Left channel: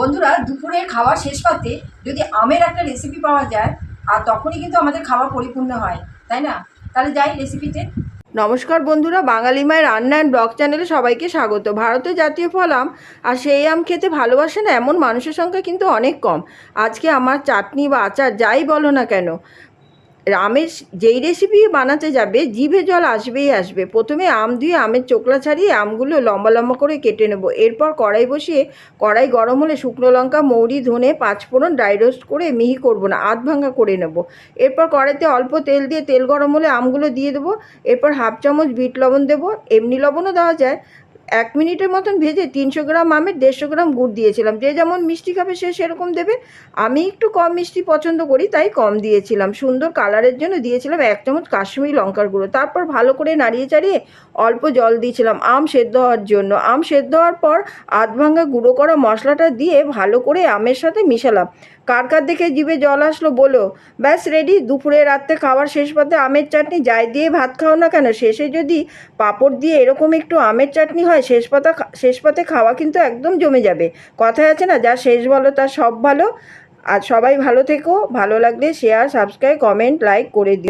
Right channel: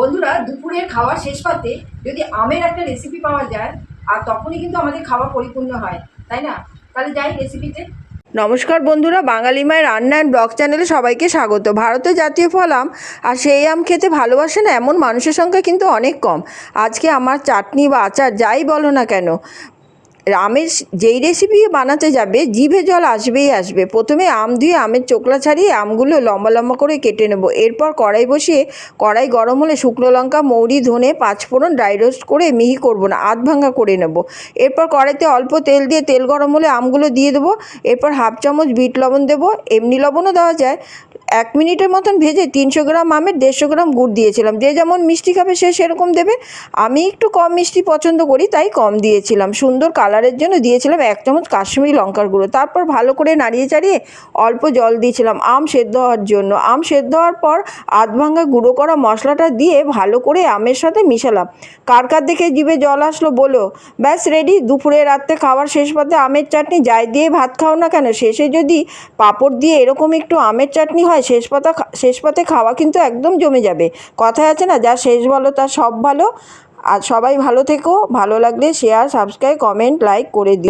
বন্ধুরা, দুপুরের খাওয়ার শেষ পাতে যদি আমের একটা রেসিপি পাওয়া যায়, আর তখনই কিন্তু আমাদের খাওয়া পরিপূর্ণ হয়, তাই না? তাহলে যাই রেসিপিতে নমস্কার বন্ধুরা, বাঙালি মায়ের রান্না অ্যান্ড ব্লগ চ্যানেলে সবাইকে স্বাগত। ভারতের জাতীয় ফল আম, আর সেই আম খেতে ভালোবাসে না এমন মানুষের সংখ্যা কিন্তু অনেক কম। আজকে আমার চাটনি বা আচার যাই বলো না কেন আমের যেই রেসিপি বানাতে যাবে, জিভে জল আসবেই আসবে। প্রথমে আম ধুয়ে আমের চোকলা ছাড়িয়ে আমগুলো লম্বা লম্বা করে কেটে নেব। এরপর কড়াই বসিয়ে কড়াই গরম হলে শুকনো লঙ্কা, মৌরি, ধনে, পাঁচফোড়ন ড্রাই রোস্ট করে মিহি করব না, আধ ভাঙা করে নেব। এরপর কড়াইতে অল্প তেল দিয়ে তেল গরম হলে আমগুলো দিয়ে দেবো। এরপর হাফ চামচ বিট লবণ দেবো। এমনি লবণও দেওয়া যায়। এক মিনিটের মতন ভেজে তিনশো গ্রাম আমের দেড়শো গ্রাম গুড় দিয়েছিলাম। যে যেমন মিষ্টি খাবে সে সেরকম দেবে। আমি একটু কম মিষ্টি পছন্দ করি, তাই কম দিয়েছিলাম। সুন্দর কালারের জন্য দিয়েছিলাম এক চামচ কাশ্মীরি লঙ্কার গুঁড়ো। তারপর ভালো করে নাড়িয়ে চাড়িয়ে অল্প জল দিয়েছিলাম আম সেদ্ধ হওয়ার জন্য। আম সেদ্ধ হওয়ার পর আধ ভাঙা গুঁড়ো করা মশলাটা দিয়ে ভালো করে আমের সাথে মিশালাম। কার কার দেখে জিভে জল আসলো বলো। ব্যাস রেডি দুপুরে, রাত্রে খাওয়ার শেষ পাতে আমের চাটনি যাই দিয়ে ভাত খাও না কেন? শেষে যদি পাঁপড় দিয়ে এরকম একটু আমের চাটনি হয় শেষ পাতা শেষ পথে খাওয়া কিন্তু একদম জমে যাবে। কথায় আছে না, যা শেষ বলো তার সব ভালো। আর সবাই ভালো থেকো, ভালো লাগলে শেয়ার সাবস্ক্রাইব কমেন্ট লাইক করে দিও।